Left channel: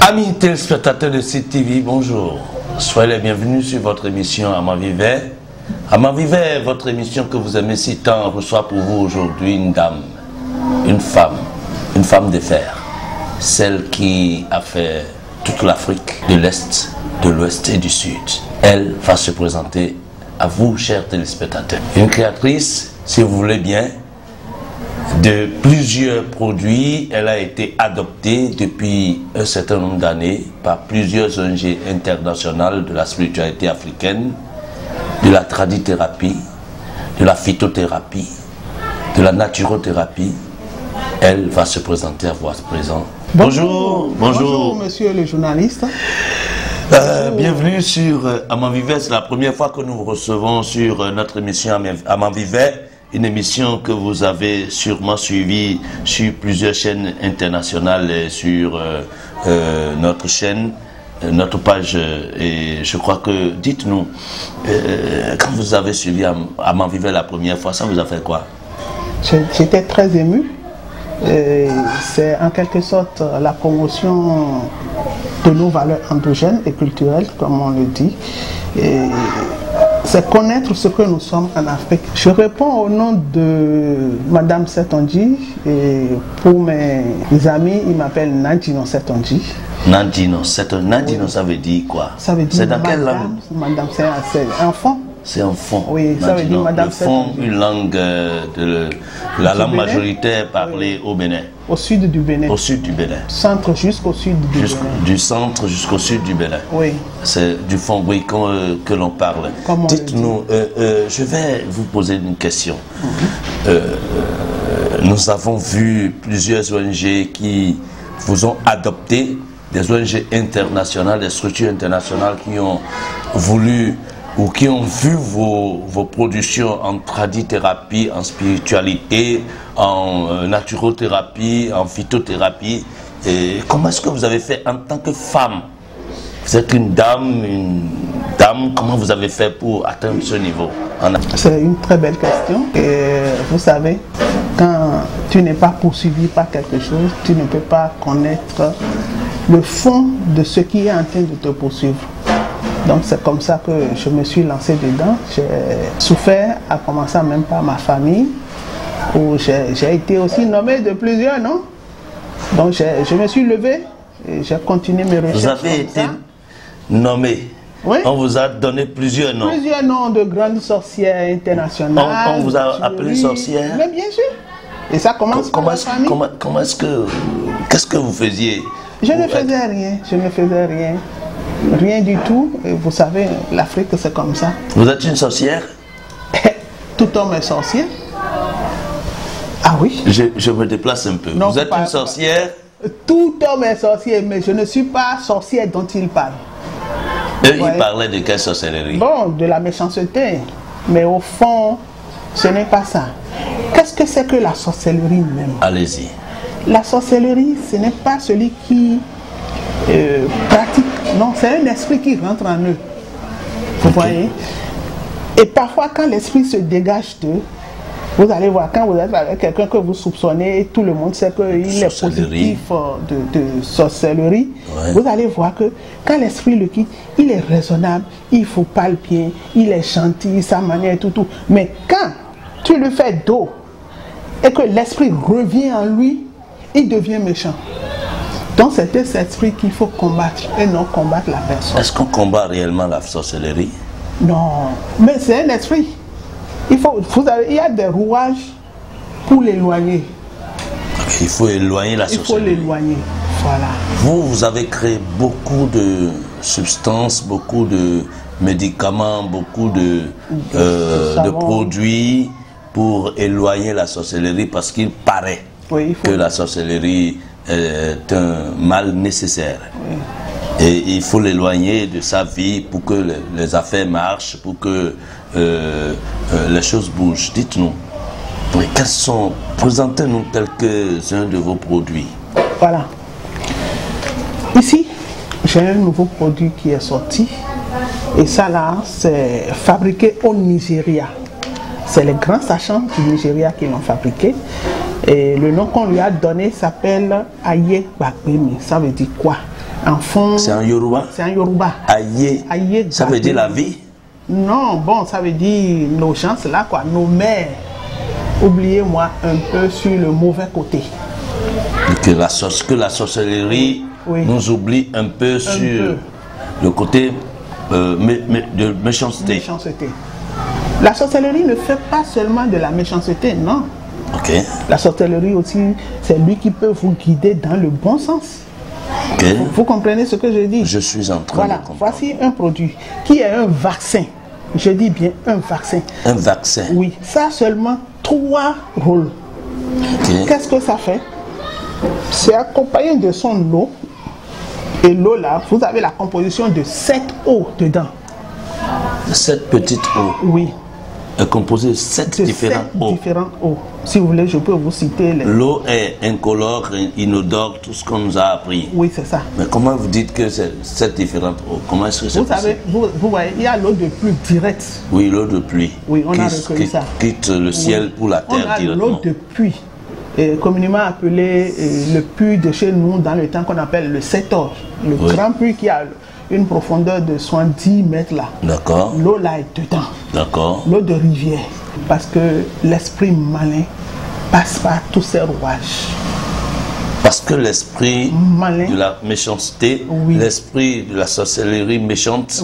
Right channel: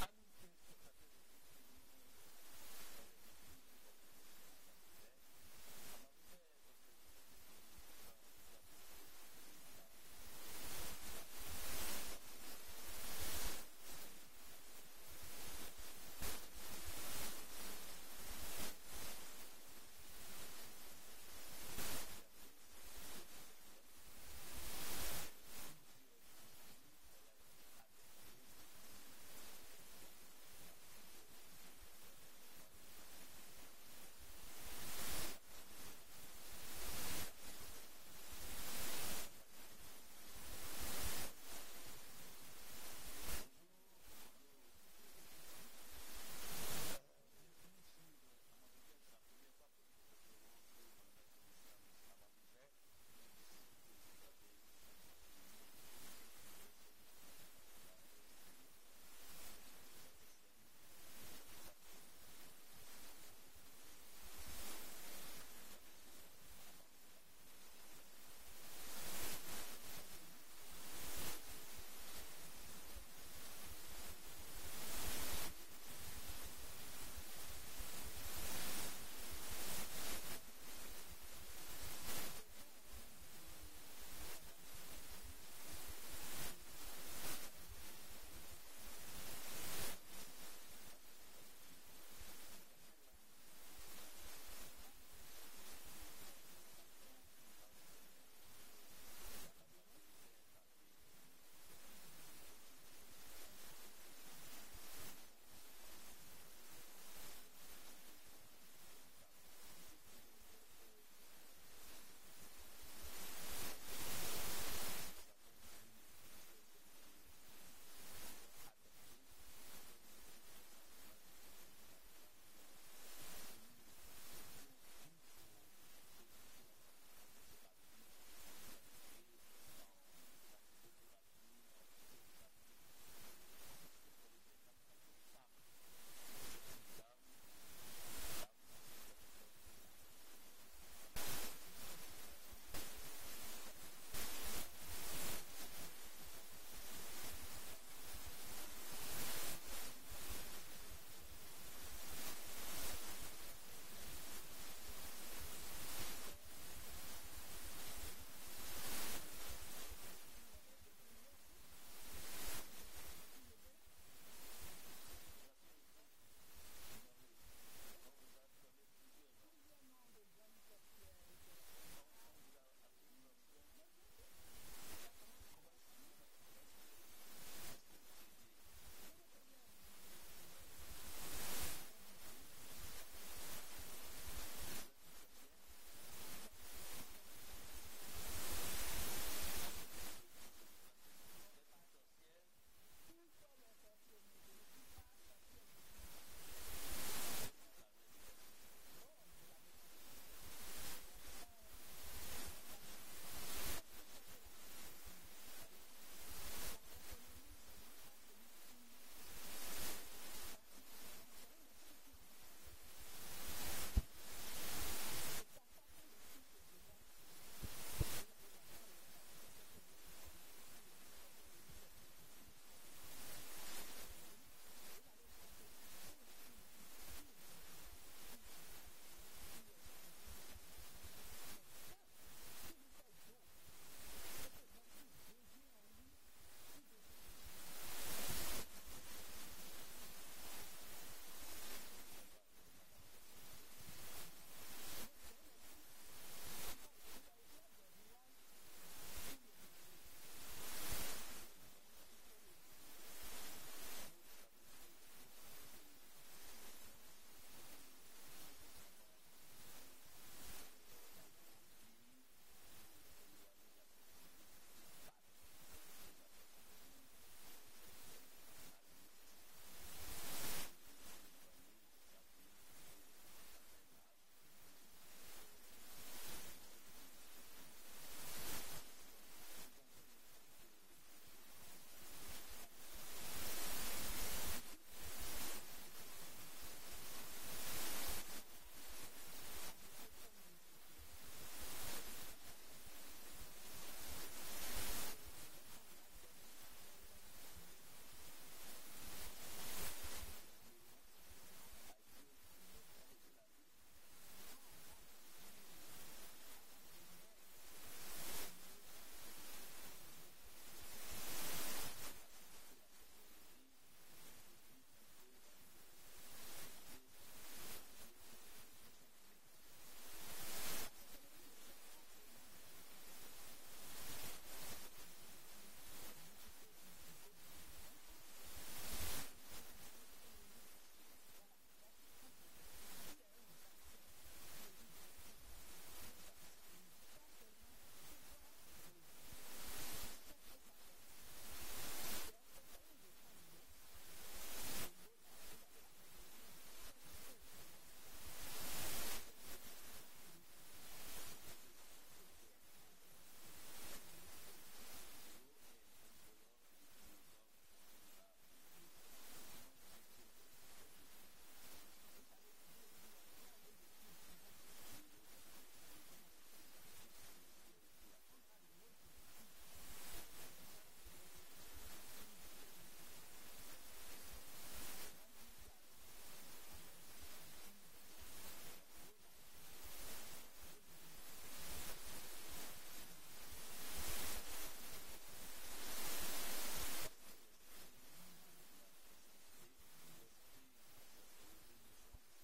Amis téléspectateurs de CTV, bonjour. Soyez les bienvenus sur votre émission Amant Vivait. Amant Vivait, votre émission que vous aimez si tant, reçoit pour vous aujourd'hui une dame, une femme de fer. Celle qui a fait toute l'Afrique de l'Est, de l'Ouest et du Sud. Elle va se présenter à vous, chers téléspectateurs. Une créatrice, si vous voulez bien, de plusieurs produits. Elle a été adoptée depuis un certain nombre d'années par plusieurs ONG internationales de la spiritualité africaine, de la tradithérapie, de la phytothérapie, de la naturothérapie. Elle va se présenter à votre présent. Bonjour. Bonjour, monsieur le journaliste. Bienvenue sur Amant Vivait. C'est la première fois que nous vous recevons sur notre émission Amant Vivait. Une émission que vous avez sûrement suivie sur plusieurs chaînes internationales et sur notre chaîne, notre page. Et je crois que, dites-nous, quand vous avez suivi Amant Vivait la première fois, ça vous a fait quoi? J'étais très ému. C'est en quelque sorte la promotion de nos valeurs endogènes et culturelles, comme on le dit. C'est connaître ce que nous sommes en Afrique. Je réponds au nom de Madame Setondji et pour mes amis, ils m'appellent Nadino Setondji. Nadino, ça veut dire quoi? Ça veut dire c'est dans quelle langue? Madame, c'est un fond. C'est un fond. Oui, ça veut dire Madame Setondji. Une langue de la langue majoritaire parlée au Bénin. Au sud du Bénin. Au sud du Bénin. Centre jusqu'au sud du Bénin. Du centre jusqu'au sud du Bénin. Oui. C'est du fond, oui, que l'on parle. Dites-nous, je vais vous poser une question. Nous avons vu plusieurs ONG qui vous ont adopté, des ONG internationales, des structures internationales qui ont voulu ou qui ont vu vos productions en tradithérapie, en spiritualité, en naturothérapie, en phytothérapie. Et comment est-ce que vous avez fait en tant que femme? Vous êtes une dame, comment vous avez fait pour atteindre ce niveau? C'est une très belle question. Et vous savez, quand tu n'es pas poursuivi par quelque chose, tu ne peux pas connaître le fond de ce qui est en train de te poursuivre. Donc c'est comme ça que je me suis lancé dedans. J'ai souffert, à commencer même par ma famille, où j'ai été aussi nommé de plusieurs noms. Donc je me suis levé et j'ai continué mes recherches. Vous avez été nommé? Oui. On vous a donné plusieurs noms? Plusieurs noms de grandes sorcières internationales. On vous a appelé sorcière? Mais bien sûr. Et ça commence par la famille. Comment est-ce que... Qu'est-ce que vous faisiez? Je ne faisais rien. Je ne faisais rien. Rien du tout. Et vous savez, l'Afrique, c'est comme ça. Vous êtes une sorcière? Tout homme est sorcier. Ah oui? Je me déplace un peu. Non, vous êtes une sorcière? Tout homme est sorcier, mais je ne suis pas sorcière dont il parle. Eux, ils parlaient de quelle sorcellerie? Bon, de la méchanceté. Mais au fond, ce n'est pas ça. Qu'est-ce que c'est que la sorcellerie même? Allez-y. La sorcellerie, ce n'est pas celui qui pratique. Non, c'est un esprit qui rentre en eux. Vous voyez? Et parfois, quand l'esprit se dégage d'eux, vous allez voir, quand vous êtes avec quelqu'un que vous soupçonnez, tout le monde sait qu'il est positif de sorcellerie. Ouais. Vous allez voir que quand l'esprit le quitte, il est raisonnable, il ne faut pas le pied, il est gentil, sa manière et tout. Mais quand tu lui fais dos et que l'esprit revient en lui, il devient méchant. Donc c'est cet esprit qu'il faut combattre et non combattre la personne. Est-ce qu'on combat réellement la sorcellerie? Non, mais c'est un esprit. Il y a des rouages pour l'éloigner. Il faut éloigner la sorcellerie. Il faut l'éloigner, voilà. Vous avez créé beaucoup de substances, beaucoup de médicaments, beaucoup de produits pour éloigner la sorcellerie parce qu'il paraît que la sorcellerie est un mal nécessaire. Oui. Et il faut l'éloigner de sa vie pour que les affaires marchent, pour que les choses bougent. Dites-nous, quels sont, présentez-nous quelques-uns de vos produits. Voilà. Ici, j'ai un nouveau produit qui est sorti. Et ça là, c'est fabriqué au Nigeria. C'est les grands sachants du Nigeria qui l'ont fabriqué. Et le nom qu'on lui a donné s'appelle Aye Gbagbemi. Ça veut dire quoi? En fond, c'est en Yoruba? C'est en Yoruba. Aye, ça veut dire la vie? Non, bon, ça veut dire nos gens, c'est là quoi, nos mères. Oubliez-moi un peu sur le mauvais côté. Que la sorcellerie nous oublie un peu sur le côté de méchanceté. La sorcellerie ne fait pas seulement de la méchanceté, non. Okay. La sorcellerie aussi, c'est lui qui peut vous guider dans le bon sens. Okay. Vous comprenez ce que je dis? Je suis en train de comprendre. Voici un produit qui est un vaccin. Je dis bien un vaccin. Un vaccin? Oui, ça a seulement 3 rôles. Okay. Qu'est-ce que ça fait? C'est accompagné de son eau. Et l'eau là, vous avez la composition de 7 eaux dedans. 7 petites eaux? Oui. Est composée de 7 différentes eaux. Si vous voulez, je peux vous citer les... L'eau est incolore, inodore, tout ce qu'on nous a appris. Oui, c'est ça. Mais comment vous dites que c'est 7 différentes eaux? Comment est-ce que c'est possible? Vous voyez, il y a l'eau de pluie directe. Oui, l'eau de pluie. Oui, on a reconnu ça. Quitte le ciel pour la terre directement. On a l'eau de pluie, communément appelée le puits de chez nous dans le temps qu'on appelle le Setor. Le grand puits qui a une profondeur de 70 mètres là. D'accord. L'eau là est dedans. D'accord. L'eau de rivière. Parce que l'esprit malin passe par tous ces rouages. Parce que l'esprit de la méchanceté, l'esprit de la sorcellerie méchante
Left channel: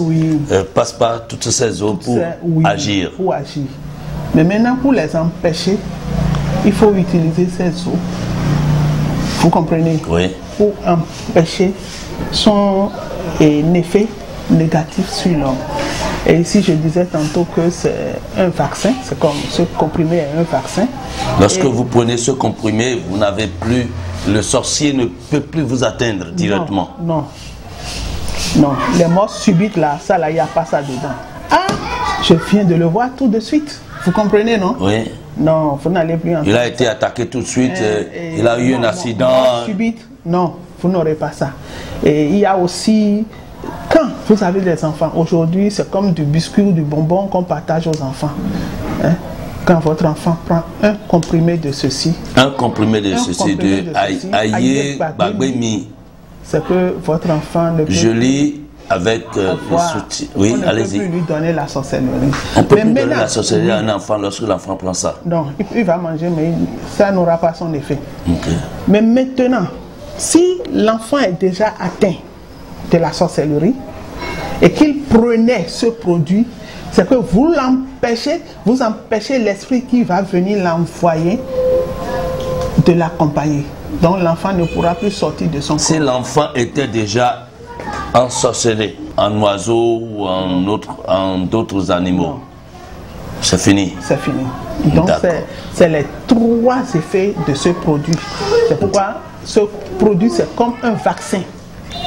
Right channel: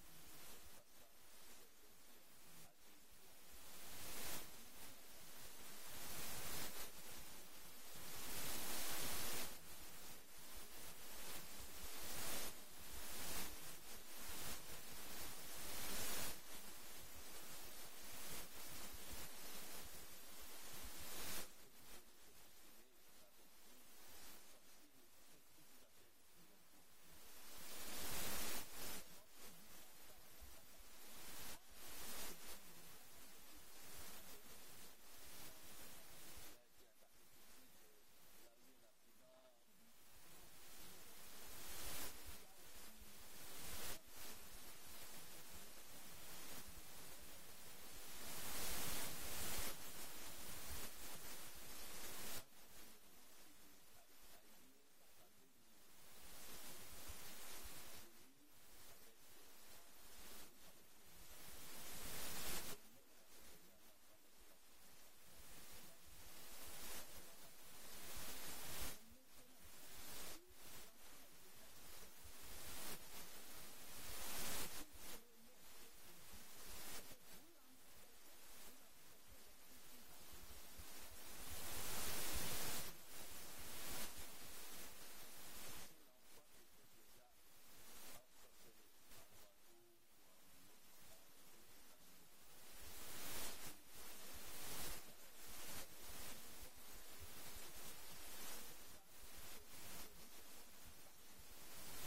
passe par toutes ces eaux pour agir. Pour agir. Mais maintenant, pour les empêcher, il faut utiliser ces eaux. Vous comprenez? Oui. Pour empêcher son effet négatif sur l'homme. Et ici, je disais tantôt que c'est un vaccin, c'est comme ce comprimé est un vaccin. Lorsque vous prenez ce comprimé, vous n'avez plus, le sorcier ne peut plus vous atteindre directement. Non, non, les morts subites là, ça là, il n'y a pas ça dedans. Ah, je viens de le voir tout de suite. Vous comprenez, non? Oui. Non, vous n'allez plus entendre. Il a été attaqué tout de suite, il a eu un accident. Mort subite, non, vous n'aurez pas ça. Et il y a aussi, quand vous avez des enfants, aujourd'hui c'est comme du biscuit ou du bonbon qu'on partage aux enfants. Hein? Quand votre enfant prend un comprimé de ceci. Un comprimé de ceci, de Aye Gbagbemi. C'est que votre enfant ne peut Je lis avec le soutien. Oui, allez-y. On ne peut plus lui donner la sorcellerie. On peut plus donner la sorcellerie à un enfant lorsque l'enfant prend ça. Non, il va manger, mais ça n'aura pas son effet. Okay. Mais maintenant, si l'enfant est déjà atteint de la sorcellerie et qu'il prenait ce produit, c'est que vous empêchez l'esprit qui va venir l'envoyer de l'accompagner. Donc l'enfant ne pourra plus sortir de son corps. Si l'enfant était déjà ensorcelé en oiseau ou en d'autres animaux, c'est fini. C'est fini. Donc c'est les 3 effets de ce produit. C'est pourquoi ce produit c'est comme un vaccin.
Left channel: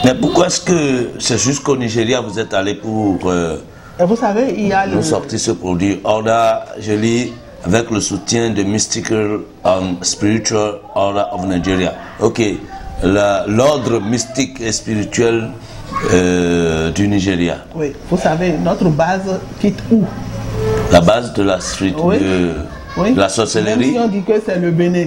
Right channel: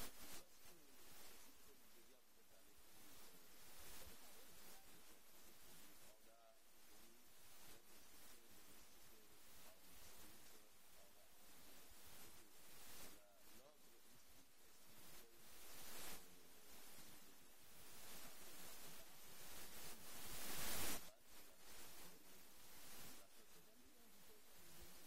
Mais pourquoi est-ce que c'est jusqu'au Nigeria vous êtes allé pour vous savez, il y a nous sortir ce produit? Order, je lis, avec le soutien de Mystical and Spiritual Order of Nigeria. Ok, l'ordre mystique et spirituel du Nigeria. Oui, vous savez, notre base quitte où? La base de la street, de la sorcellerie. Même si on dit que c'est le Bénin.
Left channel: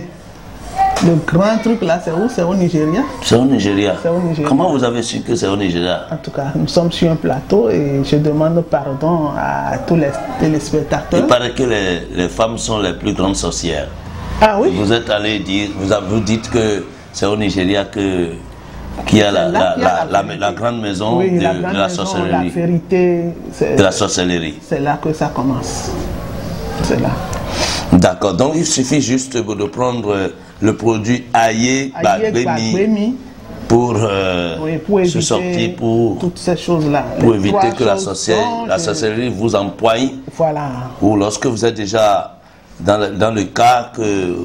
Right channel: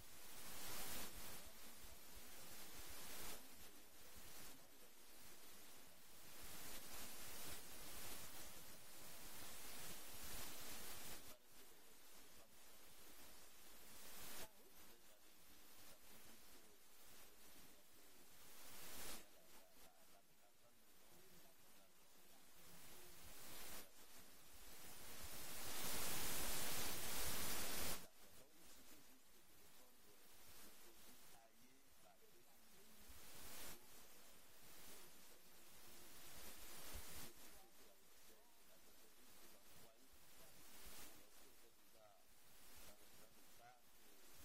Le grand truc là, c'est où? C'est au Nigeria. C'est au Nigeria. C'est au Nigeria. Comment vous avez su que c'est au Nigeria? En tout cas, nous sommes sur un plateau et je demande pardon à tous les téléspectateurs. Il paraît que les femmes sont les plus grandes sorcières. Ah oui? Vous êtes allé dire, vous dites que c'est au Nigeria qu'il y a la grande maison de la sorcellerie. La vérité, de la sorcellerie. C'est là que ça commence. C'est là. D'accord, donc il suffit juste de prendre le produit Aye Gbagbemi pour se sortir, pour toutes ces choses-là. Pour éviter que la sorcellerie vous empoigne. Voilà. Ou lorsque vous êtes déjà dans le cas que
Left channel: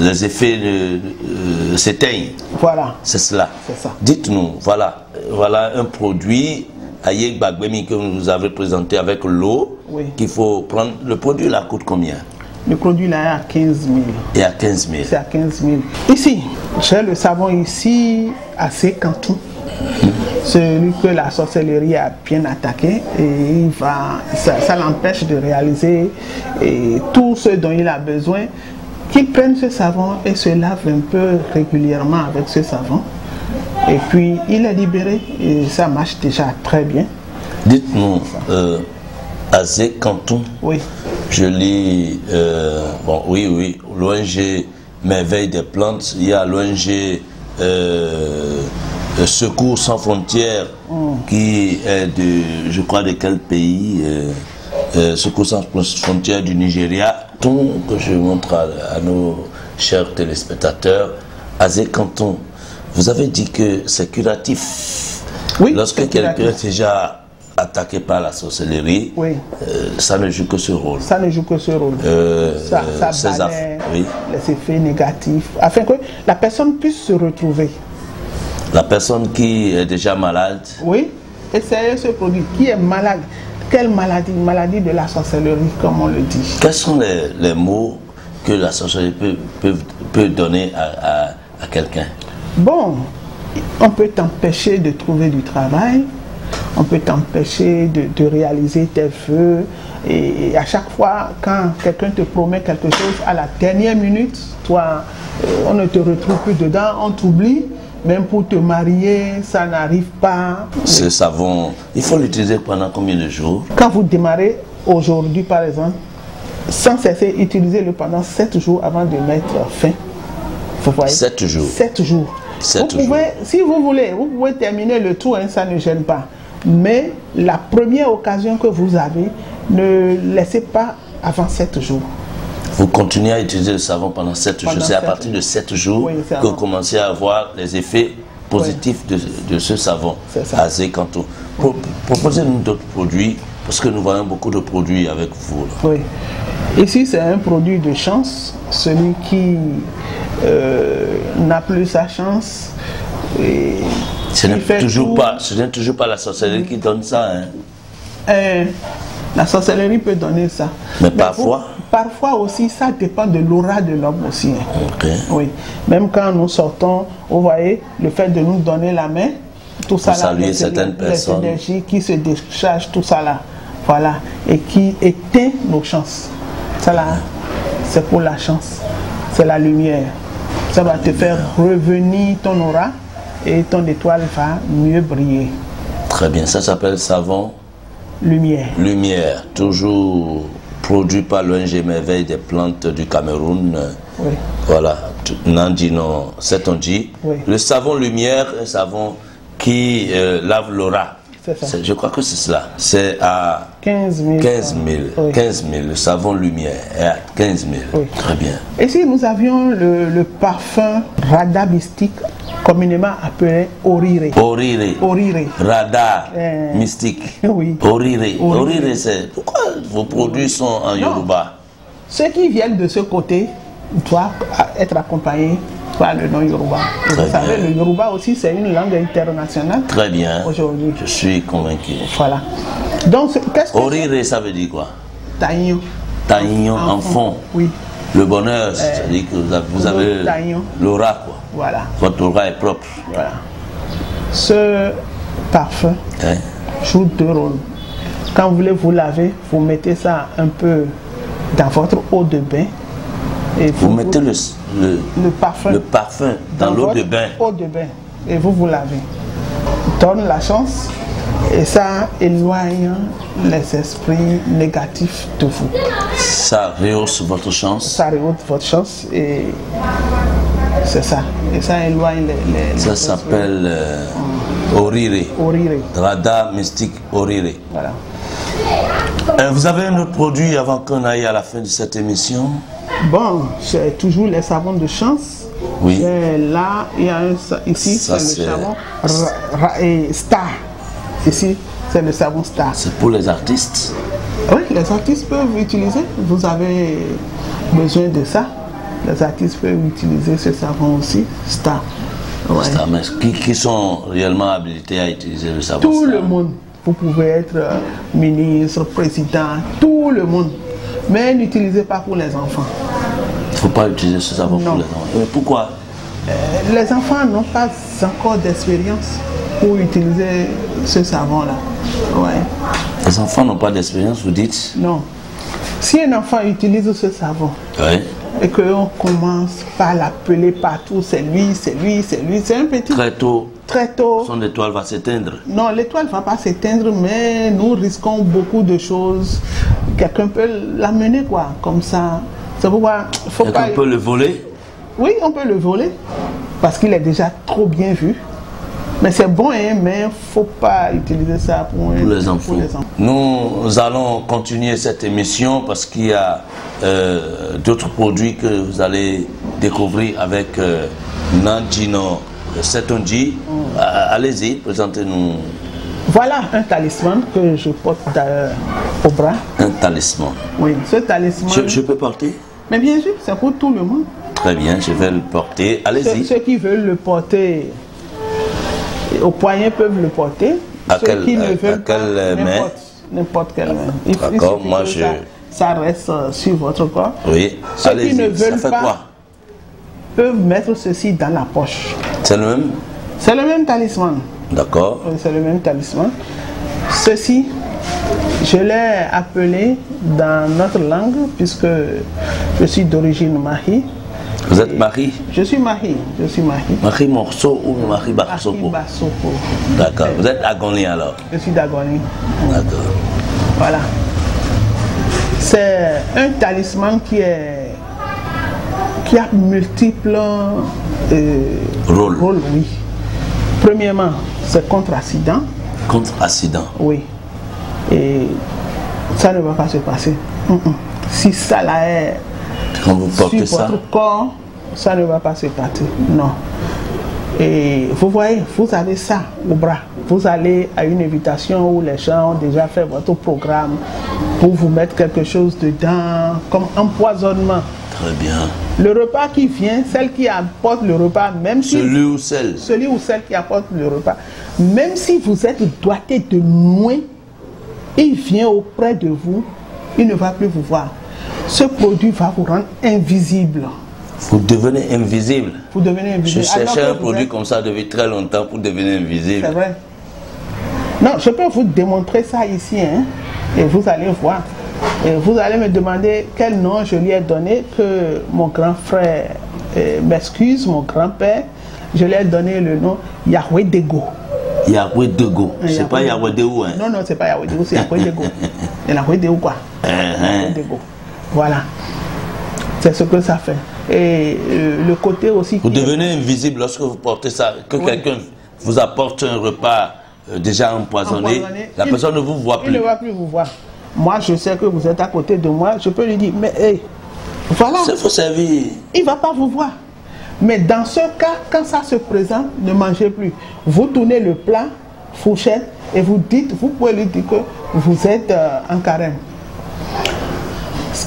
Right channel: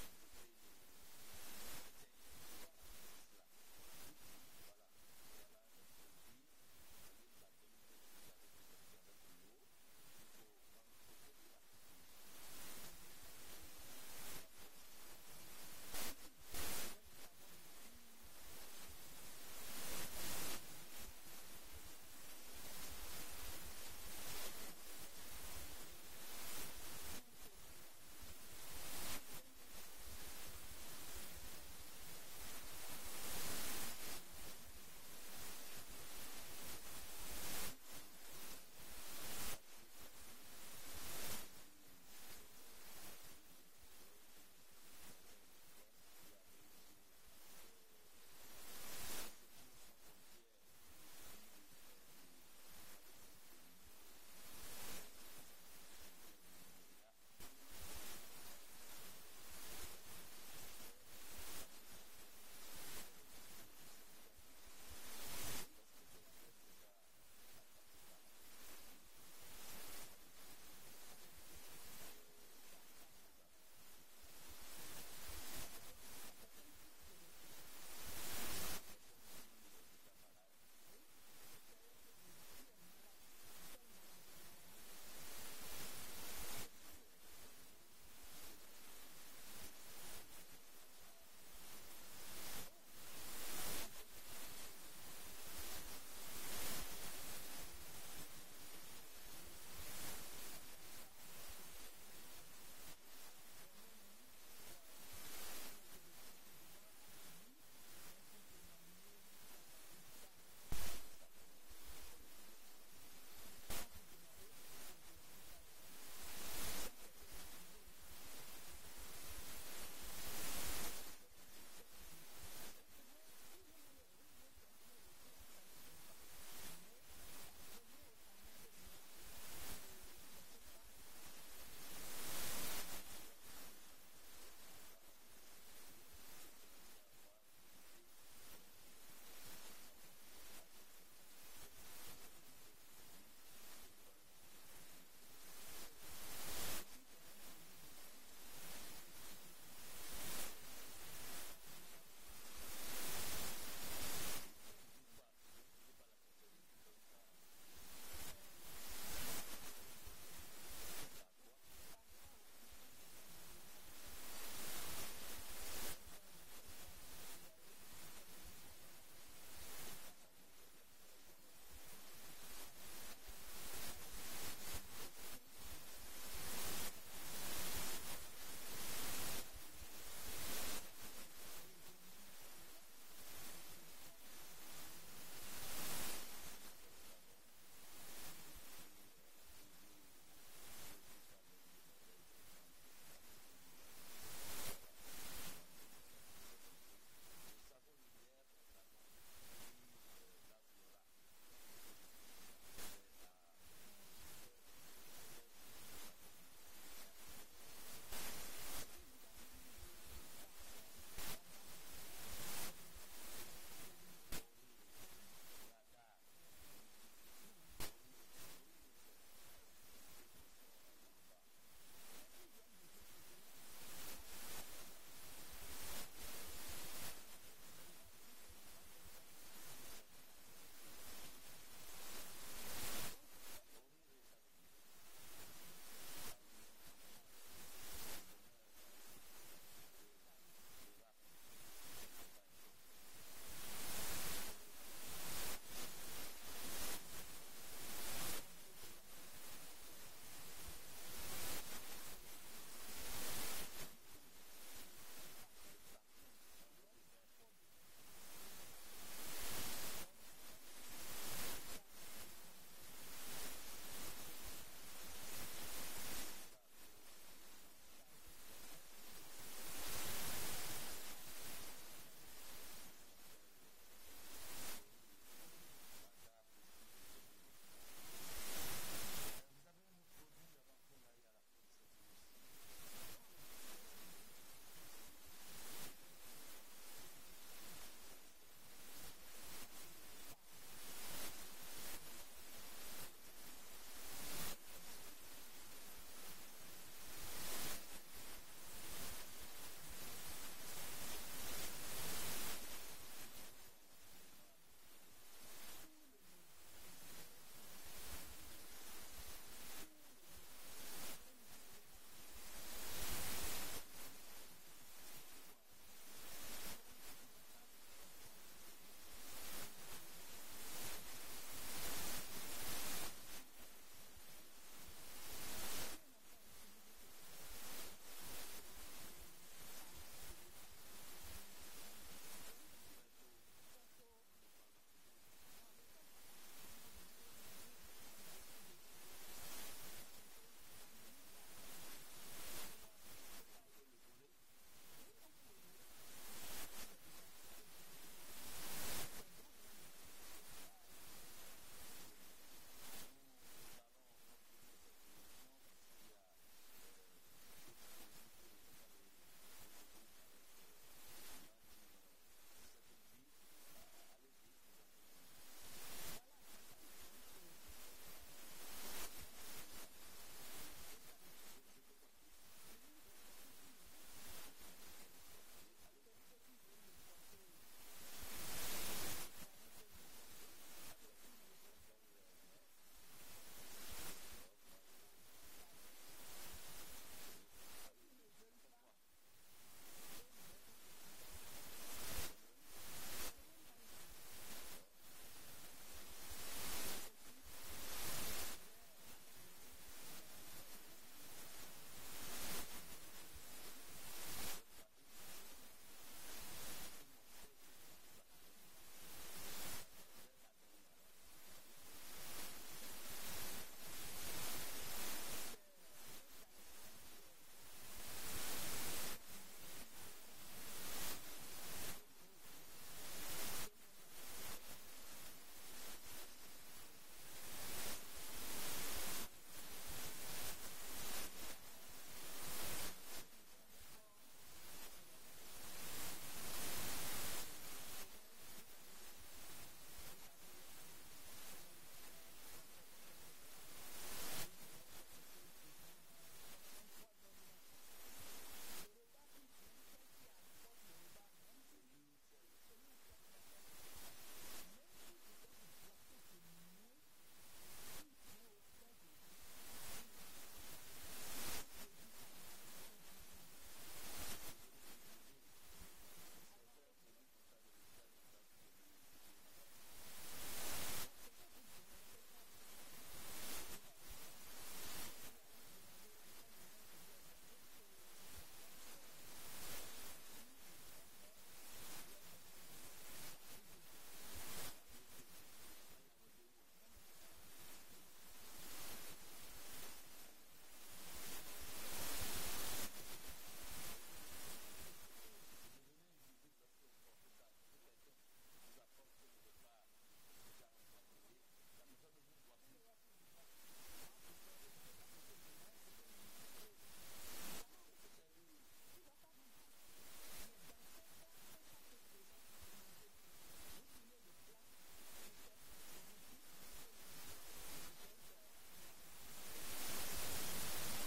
les effets s'éteignent. Voilà. C'est cela. C'est ça. Dites-nous, voilà un produit Aye Gbagbemi que vous nous avez présenté avec l'eau qu'il faut prendre. Le produit là coûte combien? Le produit là est à 15 000. Et à 15 000. C'est à 15 000. Ici, j'ai le savon ici à Sécantou. celui que la sorcellerie a bien attaqué, et ça l'empêche de réaliser tout ce dont il a besoin, qu'il prenne ce savon et se lave un peu régulièrement avec ce savon. Et puis il est libéré et ça marche déjà très bien. Dites-nous, à Zé-Canton, oui. Je lis, bon, oui, l'ONG Merveille des plantes, il y a l'ONG Secours sans frontières, qui est de, je crois, de quel pays, Secours sans frontières du Nigeria, que je montre à nos chers téléspectateurs. À Zé-Canton, vous avez dit que c'est curatif. Oui, lorsque quelqu'un est déjà attaqué par la sorcellerie, oui. Ça ne joue que ce rôle. Ça ne joue que ce rôle. Ça balaie les effets négatifs, afin que la personne puisse se retrouver. La personne qui est déjà malade. Oui, essayez ce produit. Qui est malade? Quelle maladie? Maladie de la sorcellerie, comme on le dit. Quels sont les mots que la sorcellerie peut donner à quelqu'un? Bon, on peut t'empêcher de trouver du travail. On peut t'empêcher de réaliser tes vœux. Et à chaque fois, quand quelqu'un te promet quelque chose, à la dernière minute, toi, on ne te retrouve plus dedans, on t'oublie. Même pour te marier, ça n'arrive pas. Ce savon, il faut l'utiliser pendant combien de jours? Quand vous démarrez aujourd'hui, par exemple, sans cesser, utilisez-le pendant 7 jours avant de mettre fin. Vous voyez? 7 jours. 7 jours. Si vous voulez, vous pouvez terminer le tour, hein, ça ne gêne pas. Mais la première occasion que vous avez, ne laissez pas avant 7 jours. Vous continuez à utiliser le savon pendant 7 jours. C'est à partir de 7 jours que vous commencez à avoir les effets positifs de ce savon à Zé-Canton. Proposez-nous d'autres produits, parce que nous voyons beaucoup de produits avec vous. Là. Oui. Ici, c'est un produit de chance. Celui qui n'a plus sa chance. Ce n'est toujours pas la sorcellerie qui donne ça. Hein. La sorcellerie peut donner ça. Mais parfois parfois aussi, ça dépend de l'aura de l'homme aussi. Hein. Okay. Oui. Même quand nous sortons, vous voyez, le fait de nous donner la main, tout ça là, les énergies qui se déchargent, tout ça là, voilà, et qui éteint nos chances. Ça là, c'est pour la chance. C'est la lumière. Ça va te faire revenir ton aura et ton étoile va mieux briller. Très bien, ça s'appelle savon lumière. Lumière, toujours produit par l'ONG Merveille des plantes du Cameroun. Oui. Voilà, Nandino, c'est on dit. Oui. Le savon lumière, un savon qui lave l'aura. Je crois que c'est cela. C'est à 15 000. 15 000. Oui. 15 000. Le savon lumière est à 15 000. Oui. Très bien. Ici, nous avions le parfum Rada mystique, communément appelé Orire. Orire. Orire. Rada mystique. Oui. Orire. Orire, c'est... Pourquoi vos produits sont en Yoruba? Ceux qui viennent de ce côté doivent être accompagnés par le nom Yoruba. Vous savez, le Yoruba aussi, c'est une langue internationale. Très bien. Aujourd'hui. Je suis convaincu. Voilà. Donc, qu'est-ce que Orire, ça veut dire quoi? Taïgnon. Taïgnon en fond. Oui. Le bonheur, c'est-à-dire que vous avez l'aura, quoi. Voilà. Votre aura est propre. Voilà. Ce parfum joue 2 rôles. Quand vous voulez vous laver, vous mettez ça un peu dans votre eau de bain. Et vous mettez le parfum dans l'eau de bain. Eau de bain. Et vous lavez. Donne la chance. Et ça éloigne les esprits négatifs de vous. Ça rehausse votre chance. Ça rehausse votre chance et c'est ça. Et ça éloigne les ça s'appelle Orire. Orire. Rada mystique Orire. Voilà. Vous avez un autre produit avant qu'on aille à la fin de cette émission? Bon, j'ai toujours les savons de chance. Oui. Là, il y a ici, c'est le savon Star. Ici, c'est le savon Star. C'est pour les artistes? Oui, les artistes peuvent utiliser. Vous avez besoin de ça. Les artistes peuvent utiliser ce savon aussi, Star. Ouais. Star, mais qui sont réellement habilités à utiliser le savon Tout Star? le monde. Vous pouvez être ministre, président, tout le monde. Mais n'utilisez pas pour les enfants. Il ne faut pas utiliser ce savon pour les enfants. Mais pourquoi? Les enfants n'ont pas encore d'expérience. pour utiliser ce savon-là. Ouais. Les enfants n'ont pas d'expérience, vous dites? Non. Si un enfant utilise ce savon, Oui. et qu'on commence par l'appeler partout, c'est lui, c'est lui, c'est lui, c'est un petit... Très tôt, son étoile va s'éteindre. Non, l'étoile ne va pas s'éteindre, mais nous risquons beaucoup de choses. Quelqu'un peut l'amener, quoi, comme ça. C'est pourquoi il faut pas... Quelqu'un peut le voler? Oui, on peut le voler, parce qu'il est déjà trop bien vu. Mais c'est bon, hein, mais il ne faut pas utiliser ça pour les enfants. Nous allons continuer cette émission parce qu'il y a d'autres produits que vous allez découvrir avec Nandino Setonji. Allez-y, présentez-nous. Voilà un talisman que je porte au bras. Un talisman. Oui, ce talisman... Je peux porter? Mais bien sûr, c'est pour tout le monde. Très bien, je vais le porter. Allez-y. Ceux qui veulent le porter au poignet peuvent le porter. Ceux qui ne veulent pas, n'importe quelle main. D'accord, moi je... Ça reste sur votre corps. Oui, ceux qui ne veulent ça fait pas quoi? Peuvent mettre ceci dans la poche. C'est le même? C'est le même talisman. D'accord. C'est le même talisman. Ceci, je l'ai appelé dans notre langue, puisque je suis d'origine mahi. Vous êtes Marie? Je suis Mahi. Marie Morceau ou Marie Basopo? D'accord. Vous êtes Agoni alors? Je suis d'Agoni. D'accord. Voilà. C'est un talisman qui a multiples rôles. Oui. Premièrement, c'est contre accident. Contre accident? Oui. Et ça ne va pas se passer. Si ça là est quand vous portez sur votre corps, ça ne va pas se passer. Non. Et vous voyez, vous avez ça au bras. Vous allez à une invitation où les gens ont déjà fait votre programme pour vous mettre quelque chose dedans, comme empoisonnement. Très bien. Le repas qui vient, celle qui apporte le repas, même si... Celui ou celle qui apporte le repas, même si vous êtes doigté de loin, il vient auprès de vous, il ne va plus vous voir. Ce produit va vous rendre invisible. Vous devenez invisible. Vous devenez invisible. Je cherchais un produit comme ça depuis très longtemps pour devenir invisible. C'est vrai. Non, je peux vous démontrer ça ici, hein, et vous allez voir. Et vous allez me demander quel nom je lui ai donné, que mon grand frère m'excuse, mon grand-père. Je lui ai donné le nom Yahweh Dego. Yahweh Dego. C'est pas Yahweh Dego, hein? Non, c'est pas Yahweh Dego, c'est Yahweh Dego. Yahweh Dego, quoi. Yahweh Dego. Voilà. C'est ce que ça fait. Et le côté aussi... Vous devenez invisible lorsque vous portez ça. Que quelqu'un vous apporte un repas déjà empoisonné, la personne ne vous voit plus. Il ne va plus vous voir. Moi, je sais que vous êtes à côté de moi. Je peux lui dire, mais hey, voilà. Il faut servir. Il ne va pas vous voir. Mais dans ce cas, quand ça se présente, ne mangez plus. Vous tournez le plat, fourchette, et vous pouvez lui dire que vous êtes en carême.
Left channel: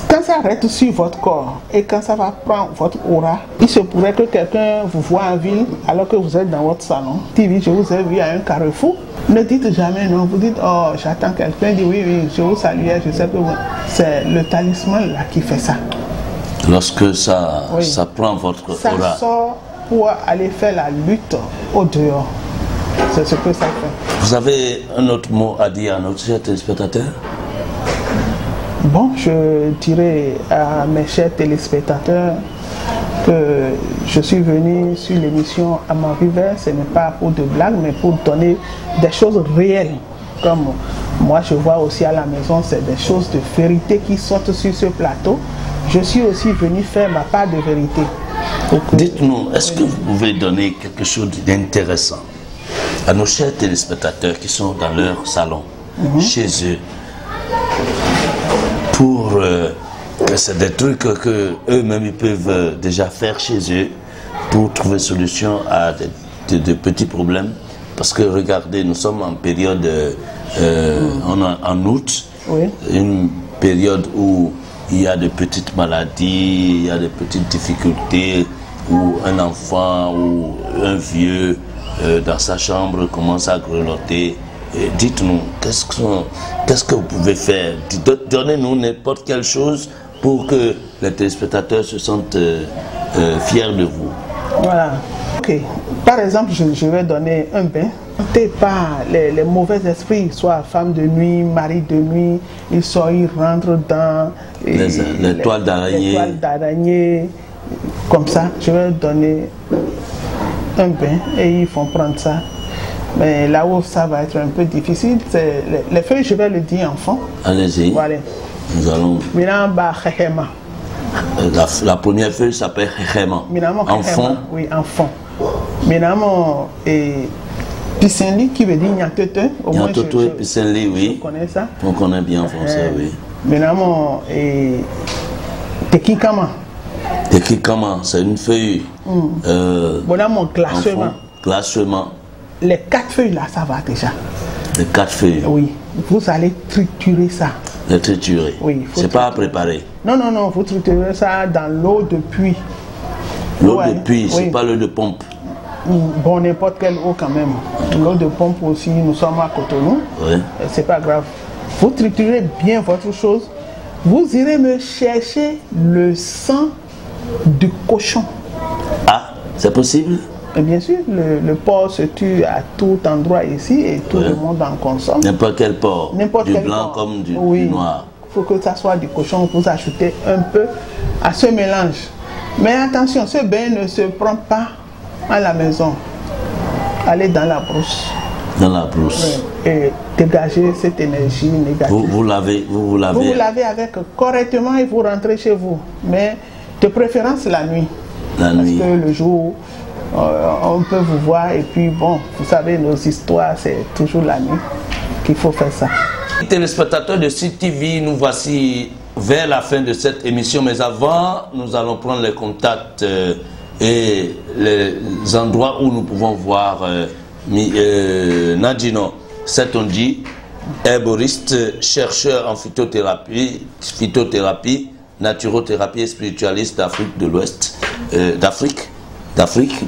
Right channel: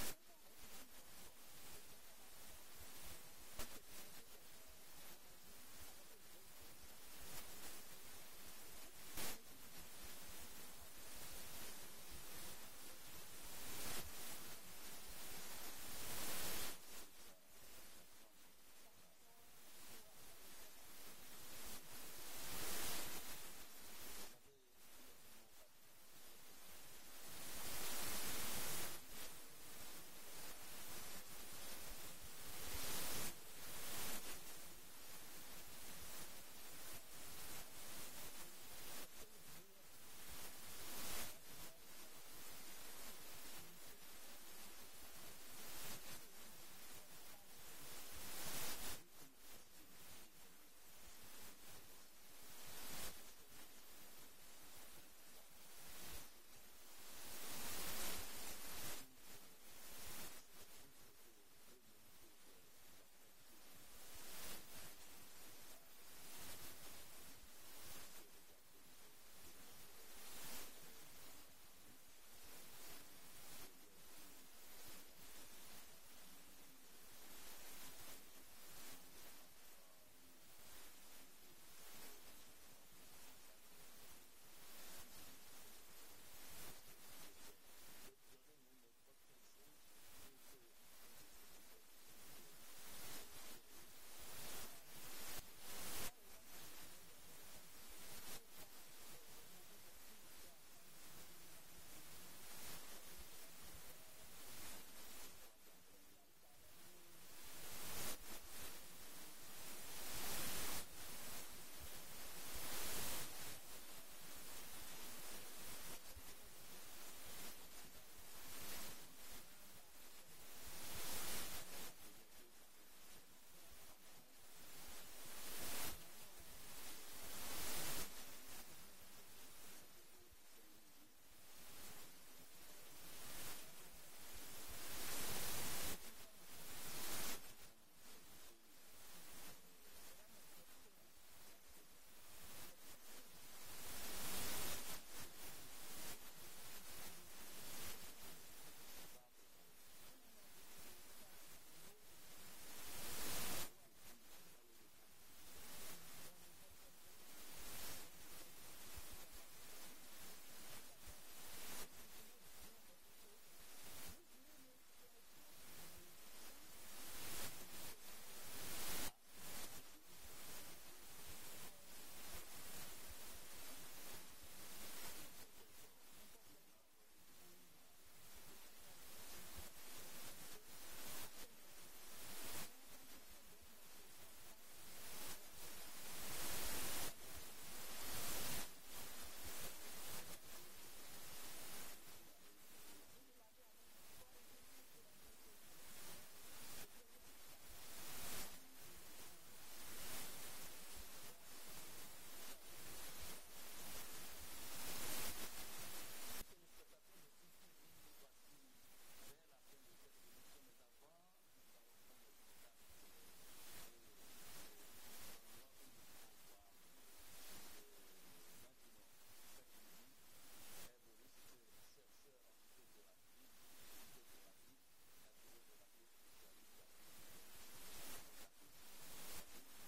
Quand ça reste sur votre corps et quand ça va prendre votre aura, il se pourrait que quelqu'un vous voit en ville alors que vous êtes dans votre salon. TV, je vous ai vu à un carrefour. Ne dites jamais non. Vous dites, oh, j'attends quelqu'un. Dit oui, je vous salue. Je sais que c'est le talisman là qui fait ça. Lorsque ça prend votre aura. Ça sort pour aller faire la lutte au dehors. C'est ce que ça fait. Vous avez un autre mot à dire à notre cher téléspectateur? Bon, je dirais à mes chers téléspectateurs que je suis venu sur l'émission À ma vivre, ce n'est pas pour de blagues, mais pour donner des choses réelles. Comme moi, je vois aussi à la maison, c'est des choses de vérité qui sortent sur ce plateau. Je suis aussi venu faire ma part de vérité. Dites-nous, est-ce que vous pouvez donner quelque chose d'intéressant à nos chers téléspectateurs qui sont dans leur salon, chez eux, pour c'est des trucs que eux-mêmes ils peuvent déjà faire chez eux pour trouver solution à des petits problèmes. Parce que regardez, nous sommes en période en août, une période où il y a de petites maladies, il y a de petites difficultés, où un enfant ou un vieux dans sa chambre commence à grelotter. Dites-nous, qu'est-ce que vous pouvez faire? Donnez-nous n'importe quelle chose pour que les téléspectateurs se sentent fiers de vous. Voilà. Ok. Par exemple, je vais donner un bain Pas les mauvais esprits, soit femme de nuit, mari de nuit, ils rentrent dans les toiles d'araignée, comme ça. Je vais donner un bain et ils font prendre ça. Mais là où ça va être un peu difficile, c'est les feuilles, je vais le dire enfant. Allez-y. Voilà. Nous allons. La première feuille s'appelle Khema. Enfant. Oui, enfant. Maintenant, pissenlit qui veut dire Nyatete. Nyatete et pissenlit, oui. On connaît ça. On connaît bien en français, oui. Maintenant, Tekikama. Tekikama, c'est une feuille. Voilà mon classement. Classement. Les 4 feuilles là, ça va déjà. Les 4 feuilles. Oui. Vous allez triturer ça. Les triturer. Oui. C'est pas à préparer. Non, non, non. Vous triturez ça dans l'eau de puits. L'eau de puits, c'est pas l'eau de pompe. Bon, n'importe quelle eau quand même. L'eau de pompe aussi, nous sommes à Cotonou. Oui. C'est pas grave. Vous triturez bien votre chose. Vous irez me chercher le sang du cochon. Ah, c'est possible? Et bien sûr, le porc se tue à tout endroit ici et tout le monde en consomme. N'importe quel porc. Du blanc comme du noir. Il faut que ça soit du cochon. Vous ajoutez un peu à ce mélange. Mais attention, ce bain ne se prend pas à la maison. Allez dans la brousse. Dans la brousse. Oui. Et dégager cette énergie négative. Vous lavez. Vous lavez avec correctement et vous rentrez chez vous. Mais de préférence la nuit. La nuit. Parce que le jour, on peut vous voir et puis bon, vous savez, nos histoires, c'est toujours la nuit qu'il faut faire ça. Téléspectateurs de CTV, nous voici vers la fin de cette émission. Mais avant, nous allons prendre les contacts et les endroits où nous pouvons voir Nadino Setonji, herboriste, chercheur en phytothérapie, naturothérapie et spiritualiste d'Afrique de l'Ouest, d'Afrique,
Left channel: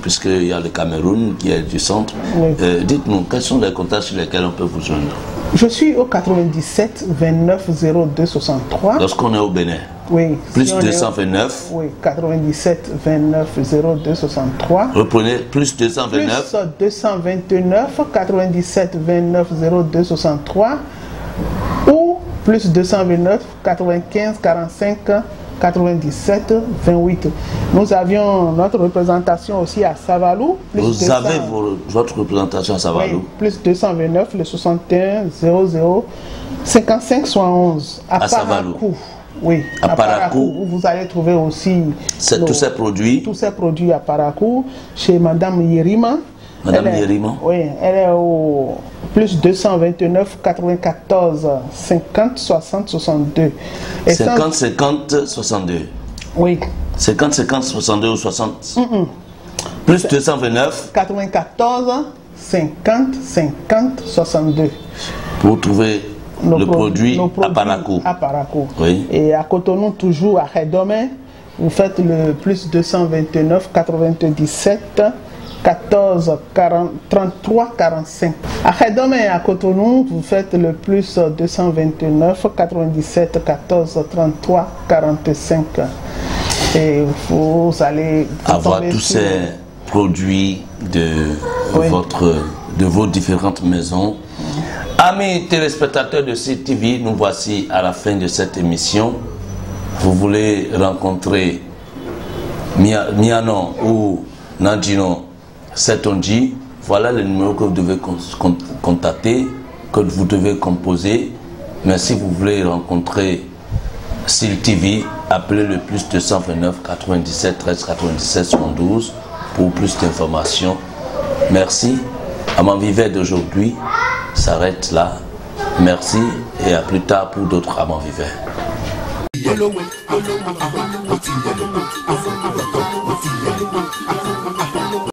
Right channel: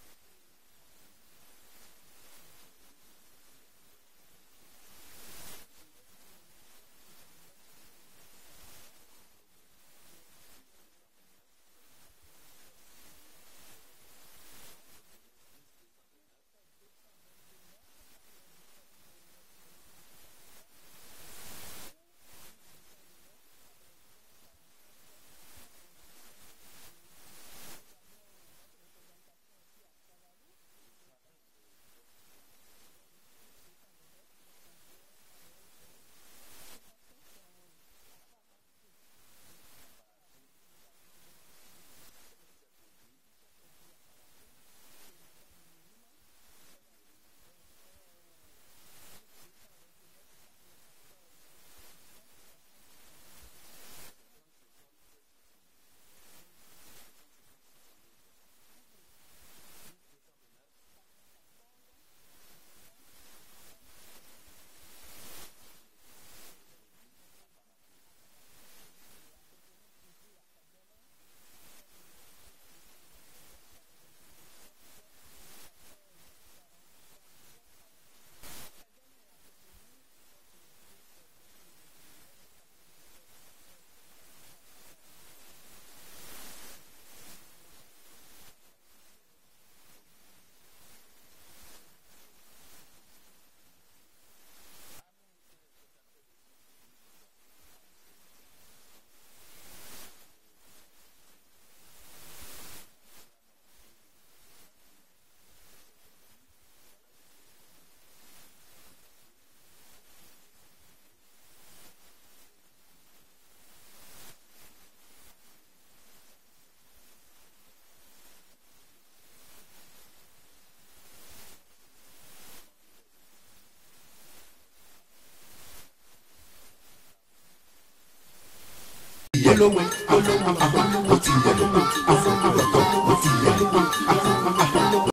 puisqu'il y a le Cameroun qui est du centre. Oui. Dites-nous, quels sont les contacts sur lesquels on peut vous joindre? Je suis au 97 29 02 63. Lorsqu'on est au Bénin? Oui. Plus si 229. Oui, 97 29 02 63. Reprenez, plus 229. Plus 229 97 29 02 63. Ou plus 229 95 45 97 28. Nous avions notre représentation aussi à Savalou. Vous avez votre représentation à Savalou? Oui, plus 229, le 61 00 55 71. À Savalou. Oui, à Parakou. Vous allez trouver aussi tous ces produits. Tous ces produits à Parakou, chez Madame Yerima. Madame Yerima? Oui, elle est au plus 229 94 50 60 62. Et 50 50 62. Oui. 50 50 62 ou 60 Plus 229 94 50 50 62. Pour trouver le produit à Parakou. À Parakou. Oui. Et à Cotonou, toujours à Redome, vous faites le plus 229 97 14 40, 33 45. À Redome et à Cotonou, vous faites le plus 229 97 14 33 45. Et vous allez avoir tous ces produits de vos différentes maisons. Amis téléspectateurs de CTV, nous voici à la fin de cette émission. Vous voulez rencontrer Miano ou Nadino Setonji, voilà le numéro que vous devez contacter, que vous devez composer. Mais si vous voulez rencontrer CTV, appelez le plus 229 97 13 97 72 pour plus d'informations. merci. Amant Vivait d'aujourd'hui s'arrête là. Merci et à plus tard pour d'autres Amant Vivait.